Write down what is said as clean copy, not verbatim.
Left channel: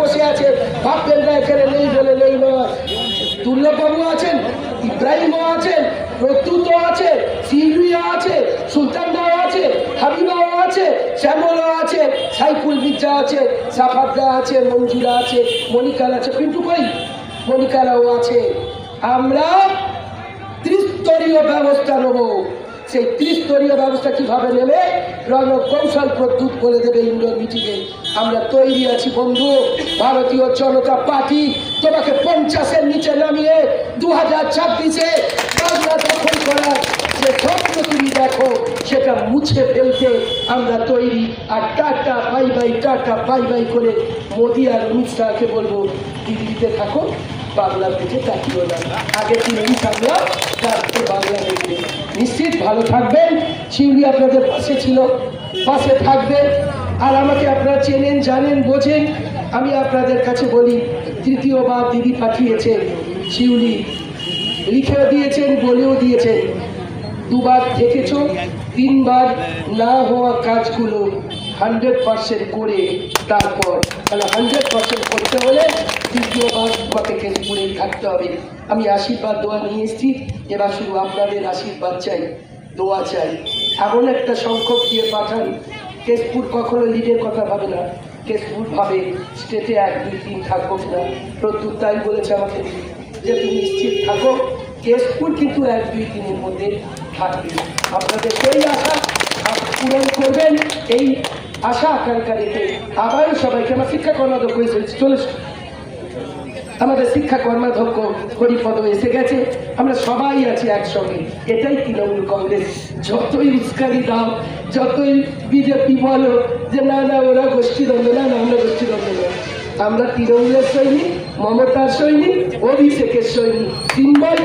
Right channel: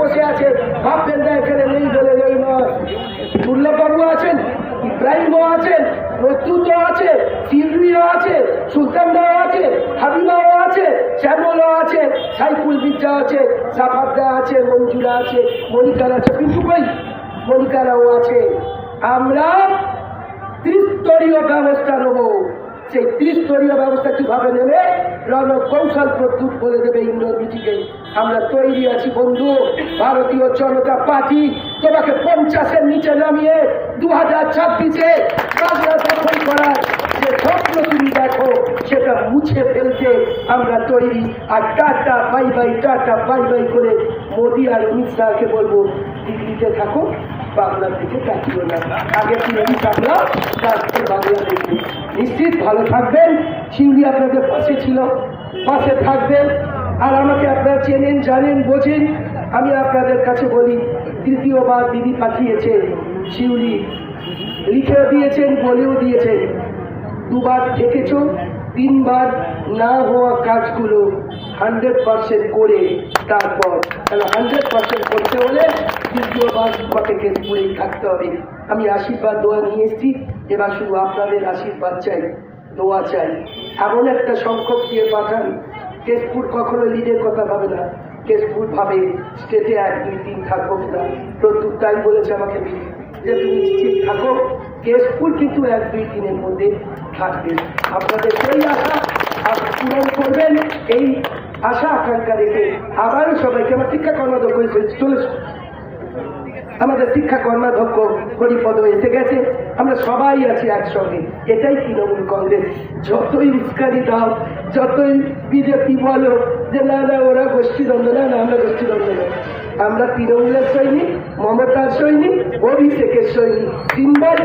বসে আছে, ভাববেন না এখানে নেই বলে নেই নয়। দুর্লভবাবু আছেন, ইব্রাহিমও আছেন, প্রত্যুত আছে, সিলভিয়া আছে, সুলতানদাও আছে, হাবিবাও আছে, শ্যামলও আছে, সাইফুল মির্জা আছে, সাফারদা আছে, মঞ্জুরা আছে, মনিকার আছে, পিন্টু ভাই মনিকারাও আছে। আমরা ত্রিস্তরীয় ব্যবস্থা নেব। সেই ত্রিস্তরীয় ব্যবস্থা কিভাবে নেবে রণকৌশল প্রদ্যুৎ বলে দেবে ইন্ডোর মিটিংয়ে। আমরা তৈরি আছি বন্ধু। ভারতীয় জনতা পার্টি তোমাকে 50-এর নিচে নামিয়ে 2026-এ বাংলা দখল করার যে স্বপ্ন তুমি দেখো সেটা মুছে ফেলতে আমরা তৈরি। আর tata bye bye, tata bye bye করে মোদি আর অমিত শাহকে বলবো দিল্লিতে থাকো, বাংলার দিকে তাকিও না। আগে দিল্লি আমরা, তারপরে বাংলা দেখবো। নিশ্চিত ভালো থাকবেন। শিউলি আপনাদের পাশে ছিল, পাশে থাকবেন। আর আমাকে আপনারা চেনেন, জানেন, বোঝেন। আমি আপনাদের কাছে বলি, তৃতীয়বার দিদি পাঠিয়েছে শিউলি, লিখেও দিয়েছেন, বলেও দিয়েছেন। 2বার থেকেছ, 3বার না হওয়া কাজগুলো 100% করে তারপর 100% করতে হলে তৃতীয়বার তোমাকে কেশপুরেই থাকতে হবে। আমি আশীর্বাদ দোয়া নিয়ে এসেছি, এবার শুধু আপনাদের আশীর্বাদ চাই, দোয়া চাই। এমন একটা সংখ্যক দিয়ে পাঠান, কেশপুর কখনো লিডের কথা ভাবে না, কেশপুর ভাবে স্টেটে 1-2-3 থাকুক না। প্রত্যুত তাই বলেছে আমাকে যে তুমি নিশ্চিত থাকো, কেশপুর কিন্তু 1-2 দিনের মধ্যে থাকবে। আপনাদের সেই আশা পূরণ করবেন, এই আশা আকাঙ্ক্ষা রেখে আবারও সবাইকে আমার শিক্ষা কর্মাধ্যক্ষ চলে, আমাদের শিক্ষা কর্মাধ্যক্ষ হরিপদ এসে গেছে, আমরা সবাই আছি একসঙ্গে। এটাই তৃণমূল কংগ্রেস। যতই উস্কানি দাও, যতই বিজেপি বলো যে না না ওরা গোষ্ঠীদ্বন্দ্ব, না না আমরা গোষ্ঠীদ্বন্দ্ব না, আমরা তৃণমূলের সৈনিক, মমতার সৈনিক, অভিষেকের সৈনিক। 3বার